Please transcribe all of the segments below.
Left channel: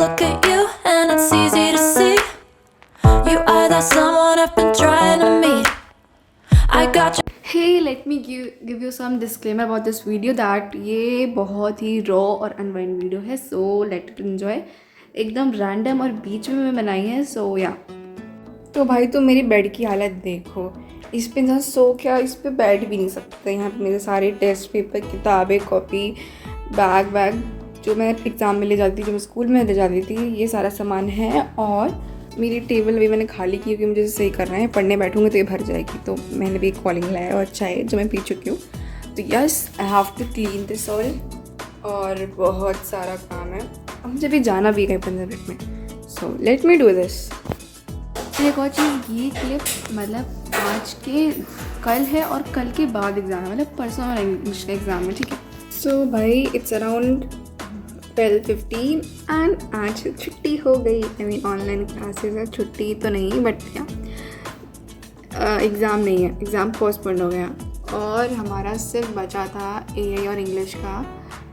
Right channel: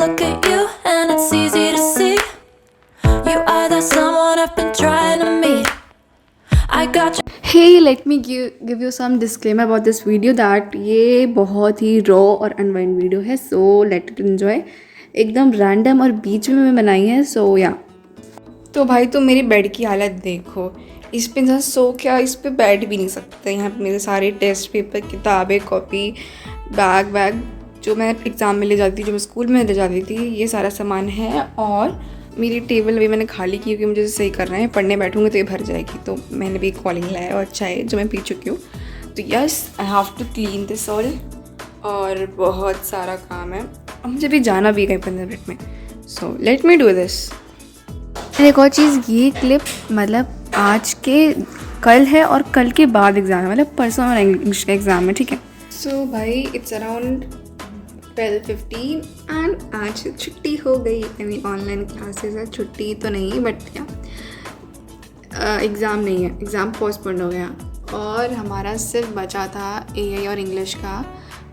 look at you and it's easy to see you are that someone I've been trying to meet. I got you. Hey, let me give you some disclaimer about this video that ये बहुत ही raw और unwind video है, so let it enjoy. एकदम random और बीच में मैं बनाई है, सो या। तो भाई तुम मेरी बेड की हालत देखो, इस पे इंसान सो क्या इस पे बैठ भी नहीं सकता। यहाँ पे मेरे सारे टेस्ट पेपर, किताबें, कॉपी, बैग जो मैं एग्ज़ाम में ले जाती थी, जो मैं स्कूल में ले जाती थी, ये सारा सामान है। और मेरी टेबल अभी मैंने खाली की क्योंकि मुझे सही करना है, पढ़ने बैठूँगी तो ये भर जाएगी। तो मैंने भी एक कॉलिंग लाया और चाय जो मैं पी चुकी हूँ। तो yes, I have to clean this all. और बहुत सारा काम है, अब मुझे भी जाना भी कहीं 15 मिनट में। So let me do this. एक और चीज़, ये क्लिप मतलब आज के कल है और कल के बाद एग्ज़ाम है, मतलब परसों और इंग्लिश का एग्ज़ाम है, ठीक है। सो भाई इट्स अराउंड 12:15 एंड आज छुट्टी हो गई। आई मीन ऑनलाइन क्लासेस है, छुट्टी तो नहीं बट क्या एग्ज़ाम नहीं है, एग्ज़ाम पोस्टपोन हो गया। और हमारा सिर्फ बचा था एआई और इंग्लिश का।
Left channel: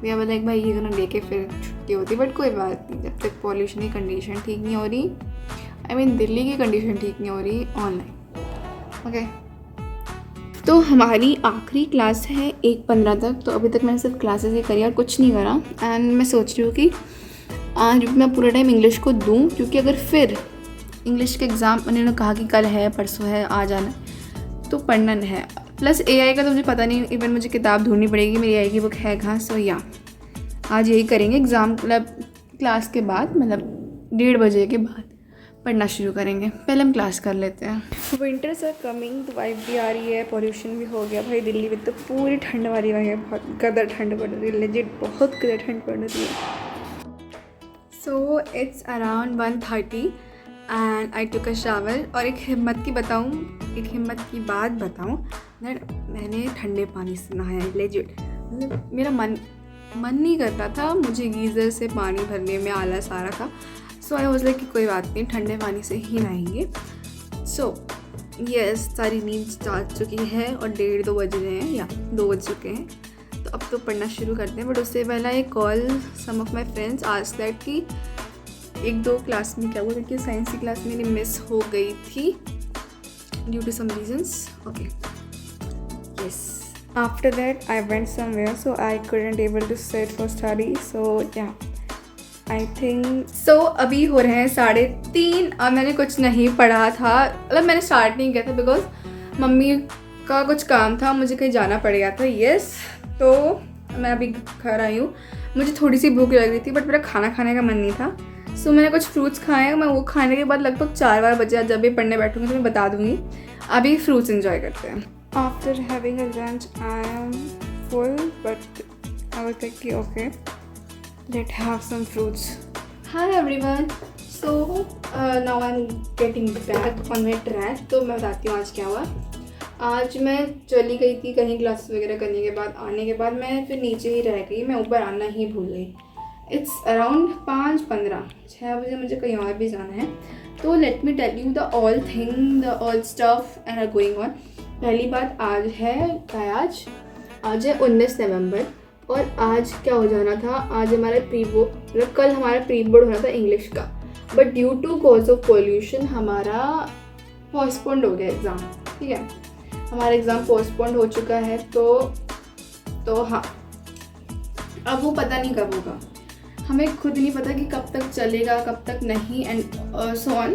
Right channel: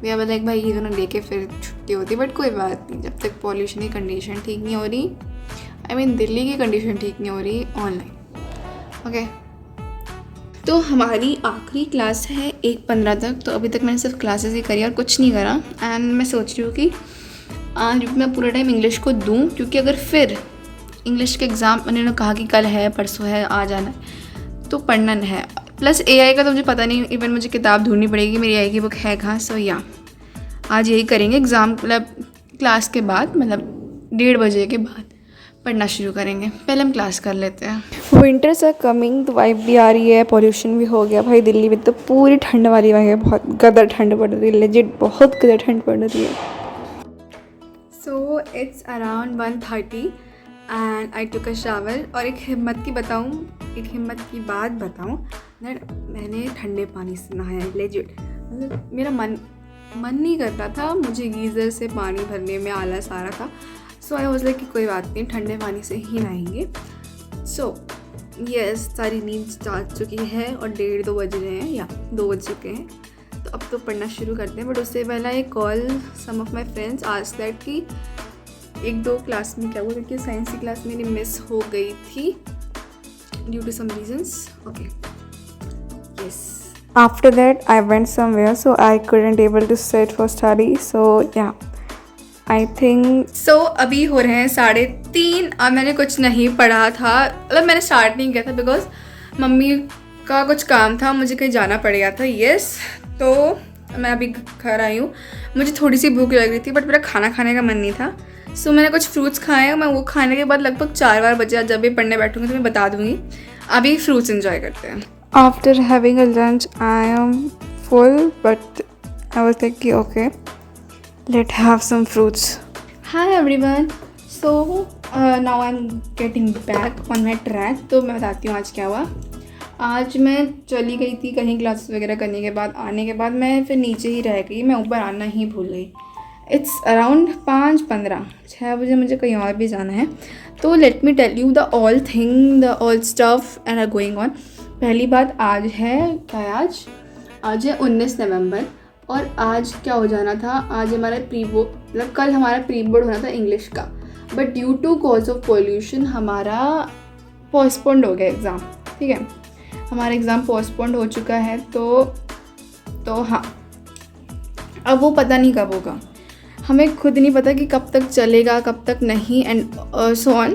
भैया बोला एक भाई ये दोनों लेके फिर छुट्टी होती, बट कोई बात नहीं, जब तक पॉल्यूशन की कंडीशन ठीक नहीं हो रही, आई मीन दिल्ली की कंडीशन ठीक नहीं हो रही, ऑनलाइन ओके। तो हमारी आखिरी क्लास है 1:15 तक। तो अभी तक मैंने सिर्फ क्लासेस ही करी और कुछ नहीं करा। एंड मैं सोच रही हूँ कि आज मैं पूरा टाइम इंग्लिश को दूँ, क्योंकि अगर फिर इंग्लिश के एग्ज़ाम उन्होंने कहा कि कल है, परसों है, आ जाना है, तो पढ़ना है। प्लस एआई का तो मुझे पता नहीं, इवन मुझे किताब ढूंढनी पड़ेगी, मेरी एआई की बुक है कहाँ। सो या आज यही करेंगे, एग्ज़ाम मतलब क्लास के बाद, मतलब 1:30 बजे के बाद पढ़ना शुरू करेंगे। पहले हम क्लास कर लेते हैं। विंटर्स आर कमिंग, तो वाइब भी आ रही है, पॉल्यूशन भी हो गया। भाई दिल्ली में तो पूरी ठंड वाली वाइब है, बहुत गदर ठंड पड़ रही है, लेजिट बहुत गदर ठंड पड़ रही है। So it's around 1:30 and I took a shower. और एक हिम्मत की बात बताऊँ दैट मैंने ठंडे पानी से नहाया, लेजिट। मतलब मेरा मन नहीं करता था, मुझे गीज़र से पानी भरने में आलस आ रहा था। सो आई वाज लाइक कि कोई बात नहीं, ठंडे पानी से ही नहाएंगे। सो यस, सारी नींद आ चुकी है और 1:30-2 बज रहे हैं, या 2 बज चुके हैं। तो अब तो पढ़ना शुरू करते हैं, बट उससे पहला एक call some of my friends asked that कि 1-2 क्लास में क्या हुआ, क्योंकि साइंस की क्लास मेरी मिस हो गई थी due to some reasons. Okay yes, after that I went somewhere, so I couldn't able to sit for study. So yeah I think so अभी हो रहे हैं 3:30 और मैंने कुछ नहीं पढ़ा था, मतलब मैंने स्टार्ट नहीं किया था बिकॉज मम्मी का कुछ काम था, मुझे कहीं जाना पड़ गया था। यस, तो मैं अभी घर आई हूँ, मुझे थोड़ी सी भूख लग रही थी बट मेरा खाना खाने का मन नहीं था। सो मैंने कुछ फ्रूट्स खाए, मैं वो खाने के बाद लगभग 4 बजे, जब भी पढ़ने बैठूँगी तो मैं बता दूँगी। अभी फ्रूट्स इन्जॉय करते हैं। After having a lunch I am full, but I was like कि okay let's have some fruits. Hi everyone. So now I'm getting back on my track. तो मैं बताती हूँ आज क्या हुआ। आज मैं चली गई थी कहीं क्लास वगैरह करने के बाद, आने के बाद मैं फिर नीचे ही रह गई, मैं ऊपर आना ही भूल गई। इट्स अराउंड 5:15, 6 बजे मुझे कहीं और भी जाना है। तो let me tell you the all thing, the all stuff and are going on. पहली बात, आज है 19 नवंबर और आज क्या हो जाना था, आज हमारा प्री बोर्ड, मतलब कल हमारा प्री बोर्ड होना था इंग्लिश का, but due to cause of pollution हमारा पोस्टपोन्ड हो गया एग्ज़ाम, ठीक है। हमारा एग्ज़ाम पोस्टपोन्ड हो चुका है। तो हाँ, अब वो पता नहीं कब होगा, हमें खुद नहीं पता कि कब तक चलेगा कब तक नहीं, एंड सो ऑन।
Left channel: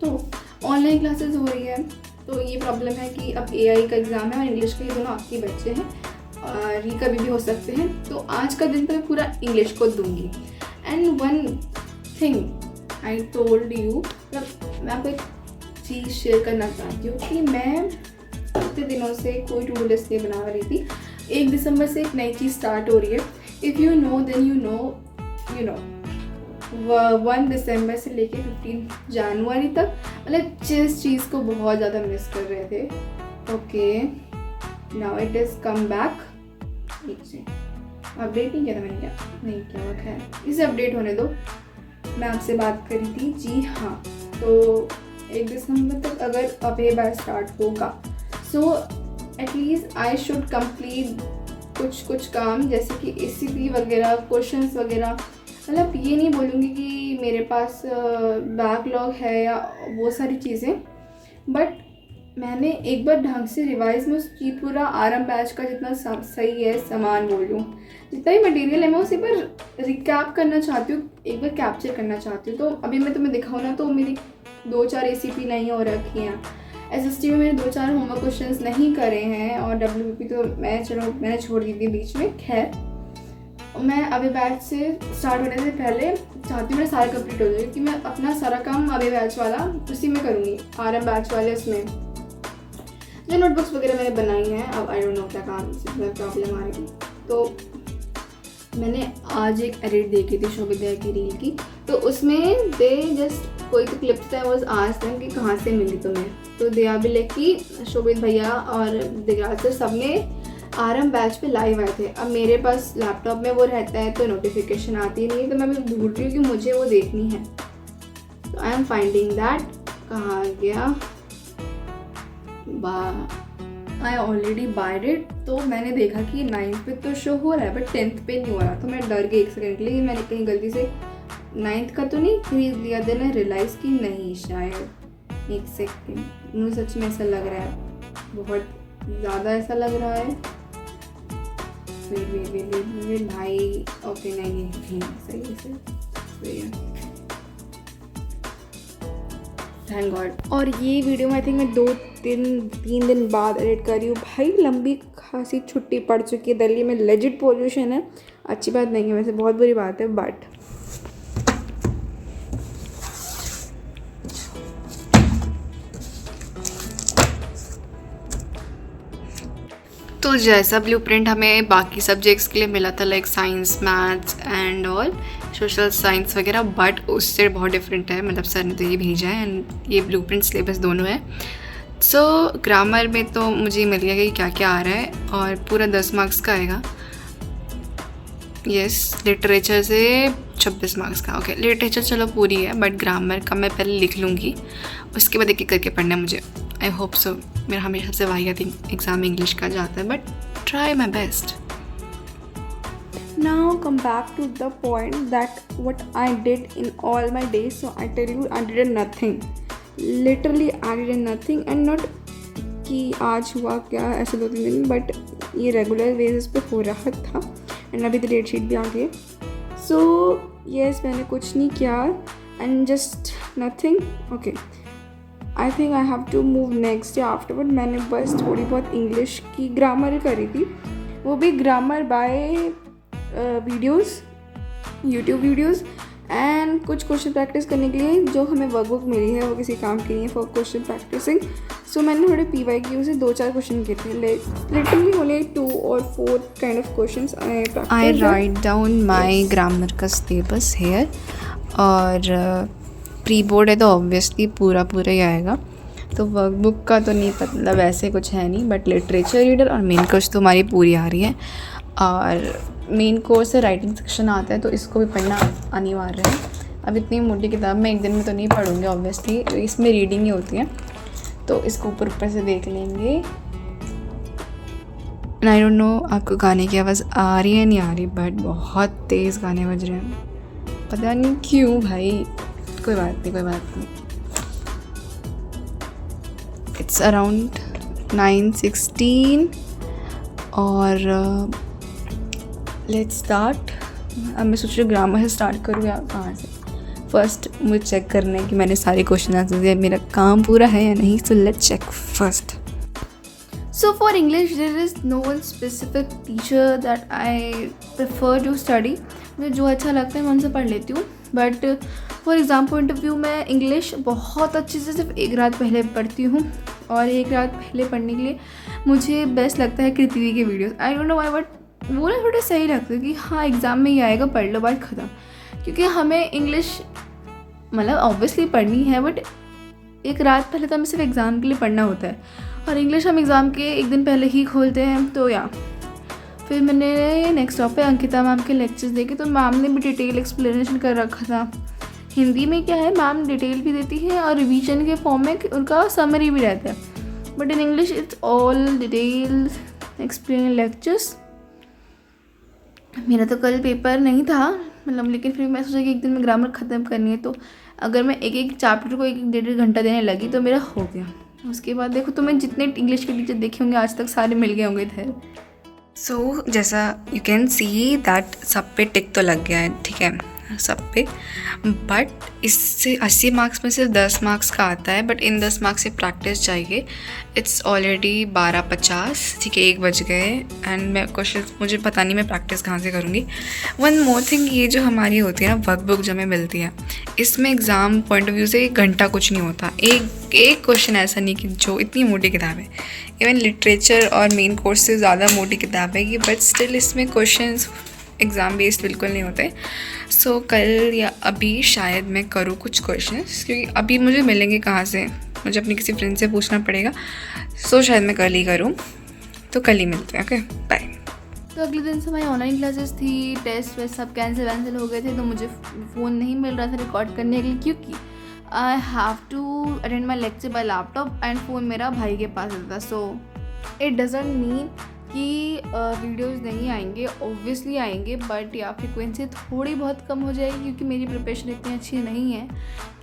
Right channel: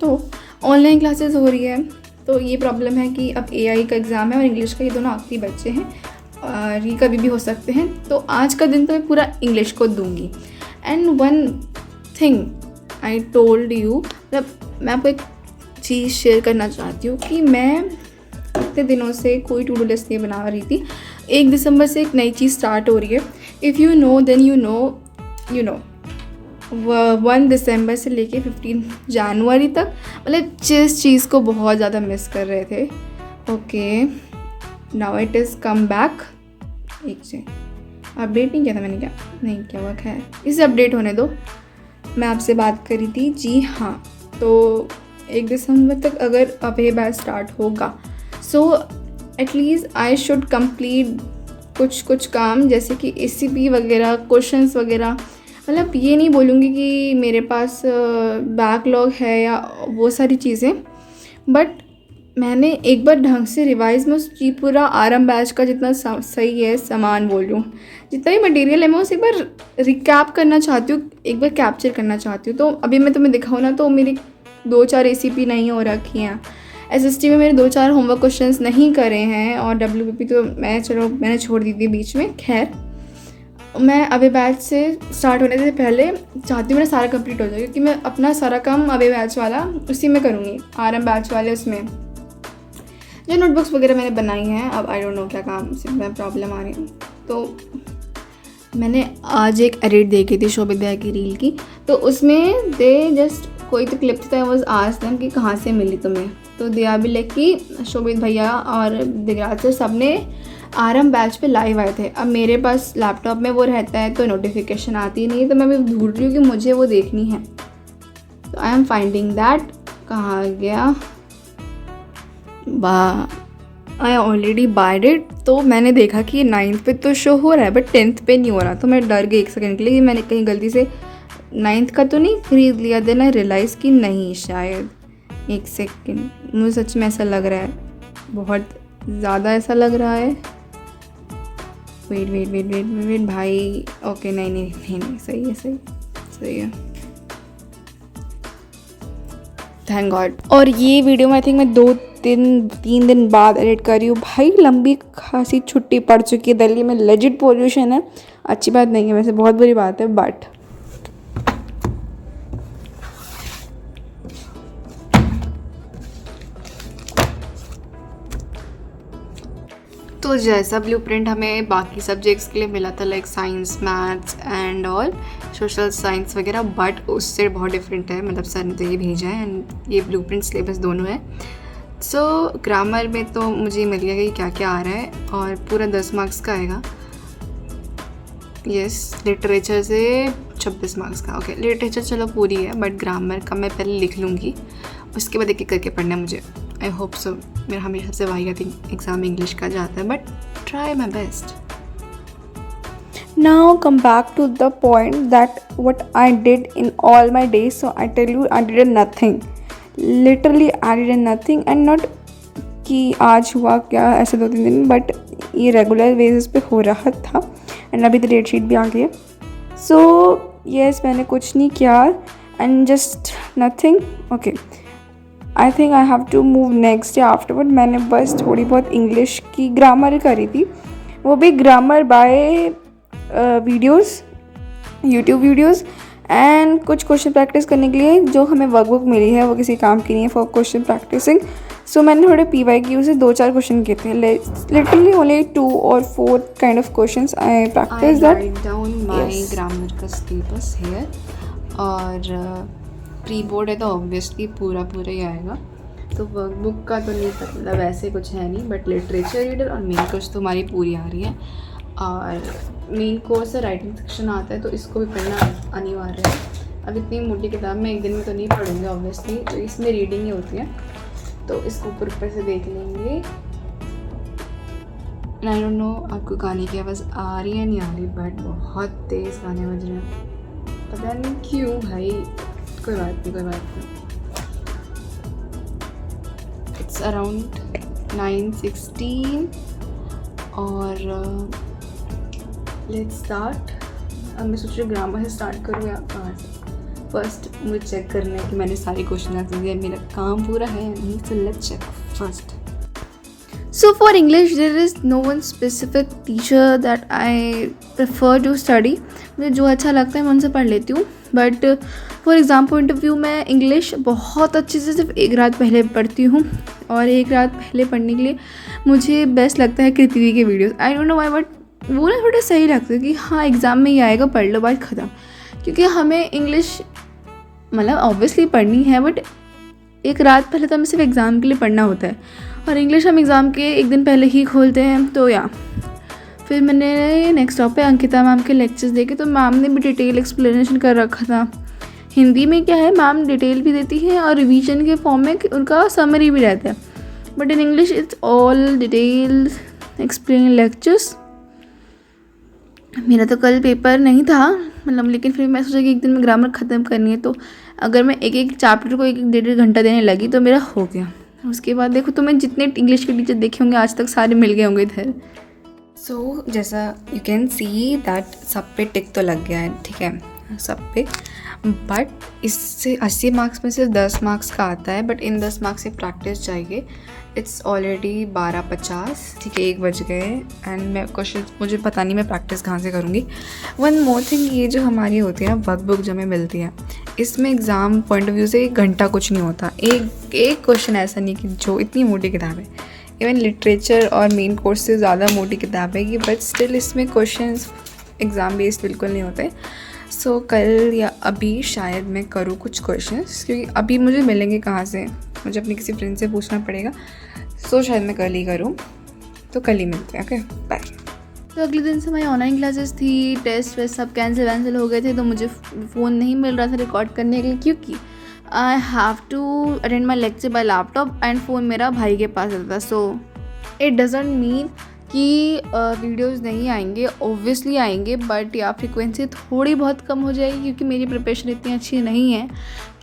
तो ऑनलाइन क्लासेस हो रही है, तो ये प्रॉब्लम है कि अब एआई का एग्ज़ाम है और इंग्लिश का, ये दोनों आखिरी बच्चे हैं और ये कभी भी हो सकते हैं। तो आज का दिन तो मैं पूरा इंग्लिश को दूंगी। And one thing I told you, मतलब मैं आपको एक चीज़ शेयर करना चाहती हूँ कि मैं इतने दिनों से कोई टू डू लिस्ट नहीं बना रही थी। 1 दिसंबर से एक नई चीज़ स्टार्ट हो रही है। If you know then you know 1 दिसंबर से लेके 15 जनवरी तक, मतलब जिस चीज़ को बहुत ज़्यादा मिस कर रहे थे, okay now it is come back. एक से अपडेट नहीं किया था मैंने, क्या नहीं किया हुआ, खैर इसे अपडेट होने दो। मैं आपसे बात करी थी, जी हाँ, तो 1 दिसंबर तक अगर अब ये बैच स्टार्ट होगा, so at least I should complete कुछ काम, जैसे कि ACP वगैरह, क्वेश्चंस वगैरह मतलब ये नहीं बोलूँगी कि मेरे पास बैकलॉग है या वो सारी चीज़ें, बट मैंने एक बार ढंग से रिवाइज में उस पूरा आरएम बैच का जितना सही है सामान बोल लूँ, जितना भी मटेरियल है मैं उसे एक बार रिकैप करना चाहती हूँ, एक बार कैप्चर करना चाहती हूँ। तो अभी मैं तुम्हें दिखाऊँ ना तो मेरी 2-4 ACP नहीं हो रखी हैं, SST में मेरे 2-4 होमवर्क क्वेश्चंस नहीं करे हैं, और WPP तो मैंने छोड़ दी थी बीच में। खैर मैं अभी बैच से स्टार्ट होने से पहले चाहती हूँ मेरा सारा कंप्लीट हो जाए, क्योंकि मैं अपना सारा काम अभी बैच वाला उसी में करूँगी, आरएम बैच वाले उसमें जो नोटबुक्स वगैरह मैंने बनाई हैं। अब आई डोंट नो क्या काम से मैं प्रॉब्लम आ रही हूँ। तो मैंने आज एक एडिट देखी थी शोभित भैया की रील की, तो उसमें दे जस्ट कोई तो क्लिप था, वाज आस्क्ड देम कि कहाँ से मिली तुम्हें, तो दिया भी लाइक कि शोभित भैया और दिगराज सर सब ने आरएम बैच पे लाइव आए थे। अब मेरे पास लैपटॉप में वो रहता है तो नोटिफिकेशन आती नहीं, तो मैं भी भूल रही हूँ कि मुझे वो देखनी है। तो आई एम फाइंडिंग दैट, कहाँ गया, आई ऑलरेडी बाइड इट। तो मैंने देखा कि 9th पे तो शो हो रहा है बट 10th पे नहीं हो रहा, तो मैं डर गई एक सेकंड के लिए कि मैंने कहीं गलती से 9th का तो नहीं खरीद लिया। देन आई रियलाइज़ कि नहीं, शायद एक सेकंड, मुझे सच में ऐसा लग रहा है, बहुत ज़्यादा ऐसा लग रहा है। वेट भाई, ओके नहीं, सही है, थैंक गॉड। और ये वीडियो में आई थिंक मैं 2-3 दिन बाद एडिट कर रही हूँ। भाई लंबी खासी छुट्टी पड़ चुकी है, दिल्ली में लेजिट पोल्यूशन है, अच्छी बात नहीं है वैसे, बहुत बुरी बात है, बट तो जैसा ब्लूप्रिंट हमें बाकी सब्जेक्ट्स के लिए मिला था, like science, maths and all, social science वगैरह, बट उससे बहुत डिफरेंट है। मतलब सर ने तो ये भेजा है एंड ये ब्लूप्रिंट सिलेबस दोनों है। सो ग्रामर में तो मुझे मिल गया कि क्या क्या आ रहा है, और पूरा 10 मार्क्स का आएगा। यस, लिटरेचर से 26 मार्क्स का। ओके, लिटरेचर चलो पूरी है, बट ग्रामर का मैं पहले लिख लूँगी, उसके बाद एक एक करके पढ़ना है मुझे। I hope so. मेरा हमेशा से वाई थिंक एग्ज़ाम इंग्लिश का जाता है, but try my best. Now come back to the point that what I did in all my days. So I tell you, I did nothing. Literally I did nothing, and not कि आज हुआ क्या ऐसे 2-3 दिन, but ये regular basis पे हो रहा था। एंड अभी तो डेट शीट भी आ गई है। सो यस, मैंने कुछ नहीं किया and just nothing. Okay, I think I have to move next day afterward. मैंने बस थोड़ी बहुत इंग्लिश की ग्रामर करी थी, वो भी grammar bye videos, YouTube videos, and कुछ क्वेश्चन प्रैक्टिस करने के लिए जो हमें वर्कबुक मिली है वो किसी काम की नहीं है फॉर क्वेश्चन प्रैक्टिसिंग। सो मैंने थोड़े PYQ से 2-4 क्वेश्चन किए थे, literally only 2 or 4 kind of questions I practice. I write down my grammar का सिलेबस हियर, और प्री बोर्ड है तो ऑब्वियसली पूरा ही आएगा। तो वर्कबुक का तो नहीं पता, मतलब वैसे कुछ है नहीं, बट लिटरेचर रीडर और मेन कोर्स तो हमारी पूरी आ रही है। और मेन कोर्स से राइटिंग सेक्शन आता है, तो इसको भी पढ़ना अनिवार्य है। अब इतनी मोटी किताब मैं एक दिन में तो नहीं पढ़ूँगी ऑब्वियसली, तो इसमें रीडिंग ही होती है, तो इसको ऊपर से देख लेंगे। आई डोंट नो आपको गाने की आवाज़ आ रही है नहीं आ रही, बट बहुत तेज़ गाने बज रहे हैं, पता नहीं क्यों भाई। कोई बात नहीं। इट्स अराउंड 9:16 और लेट्स स्टार्ट। अब मैं सोच रही हूँ ग्रामर से स्टार्ट करूँ या कहाँ से। फर्स्ट मुझे चेक करना है कि मैंने सारे क्वेश्चन आंसर दिए, मेरा काम पूरा है या नहीं। So let's check first. So for English there is no one specific teacher that I prefer to study. मुझे जो अच्छा लगता है मैं उनसे पढ़ लेती हूँ, but for exam point of view मैं इंग्लिश बहुत अच्छे से सिर्फ एक रात पहले पढ़ती हूँ, और एक रात पहले पढ़ने के लिए मुझे बेस्ट लगता है कृति के videos. I don't know why, but वो ना थोड़ा सही लगता है कि हाँ एग्ज़ाम में ही आएगा, पढ़ लो, बात ख़त्म। क्योंकि हमें इंग्लिश मतलब ऑब्वियसली पढ़नी है, बट एक रात पहले तो हमें सिर्फ एग्ज़ाम के लिए पढ़ना होता है, और इंग्लिश हम एग्ज़ाम के एक दिन पहले ही खोलते हैं। तो या फिर मैंने नेक्स्ट टॉप पे अंकिता मैम के लेक्चर्स देखे, तो मैम ने भी डिटेल एक्सप्लेनेशन कर रखा था। हिंदी में क्या है, मैम डिटेल भी देती है और रिवीजन के फॉर्म में उनका समरी भी रहता है, but in English it's all detail explain lectures. मेरा तो कल पेपर नहीं था, मतलब, लेकिन फिर मैं सोचा कि एक दिन में ग्रामर ख़त्म करनी है, तो अगर मैं एक एक चैप्टर को एक एक 1.5 घंटा देने लगी तो मेरा हो गया। उसके बाद देखो, तुम्हें जितने इंग्लिश के टीचर देखे होंगे आज तक सारे मिल गए होंगे इधर। सो जैसा यू कैन सी दैट सब पे टिक तो लग गया है, ठीक है, सब पे, बट इससे 80 मार्क्स में सिर्फ 10 मार्क्स का आता है, बट इन 10 मार्क्स से प्रैक्टिस चाहिए। इट्स ऑलरेडी 12:50, ठीक है, 1 बज गए, एंड मैं क्वेश्चन, मुझे पता नहीं मैं प्रैक्टिस कहाँ से करूँगी। वन मोर थिंग, ये जो हमारी होती है ना वर्कबुक जो हमें मिलती है, इसमें एग्ज़ाम पॉइंट ऑफ व्यू से 1 घंटा कुछ नहीं होता। एक क्वेश्चन ऐसा नहीं कि जो इतनी मोटी किताब है, इवन लिटरेचर और मेन कोर्स से ज़्यादा मोटी किताब है कि, बट स्टिल इसमें क्वेश्चंस एग्ज़ाम बेस्ड बिल्कुल नहीं होते। सो कल या अभी शायद मैं करूँ कुछ क्वेश्चंस, क्योंकि अभी मुझे मिलेंगे कहाँ से, मुझे अपनी किसी फ्रेंड से पूछना पड़ेगा। सो शायद मैं कल ही करूँ, तो कल ही मिलते हैं। Okay, bye. तो अगले दिन से हमारी ऑनलाइन क्लासेस थी, टेस्ट वेस्ट सब कैंसिल हो गए थे, तो मुझे फ़ोन नहीं मिल रहा था रिकॉर्ड करने के लिए, क्योंकि I have to attend my lecture by laptop and phone मेरा भाई के पास होता। सो इट डजंट मीन कि वीडियोस नहीं आएंगे, ऑब्वियसली आएंगे, बट या फ्रिक्वेंसी थोड़ी बहुत कम हो जाएगी, क्योंकि मेरी प्रिपरेशन इतनी अच्छी नहीं है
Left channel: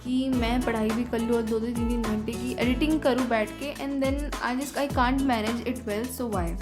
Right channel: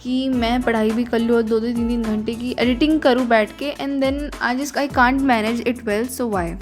कि मैं पढ़ाई भी कर लूँ और 2-2 3-3 घंटे की एडिटिंग करूँ बैठ के, and then I can't manage it well, so Y.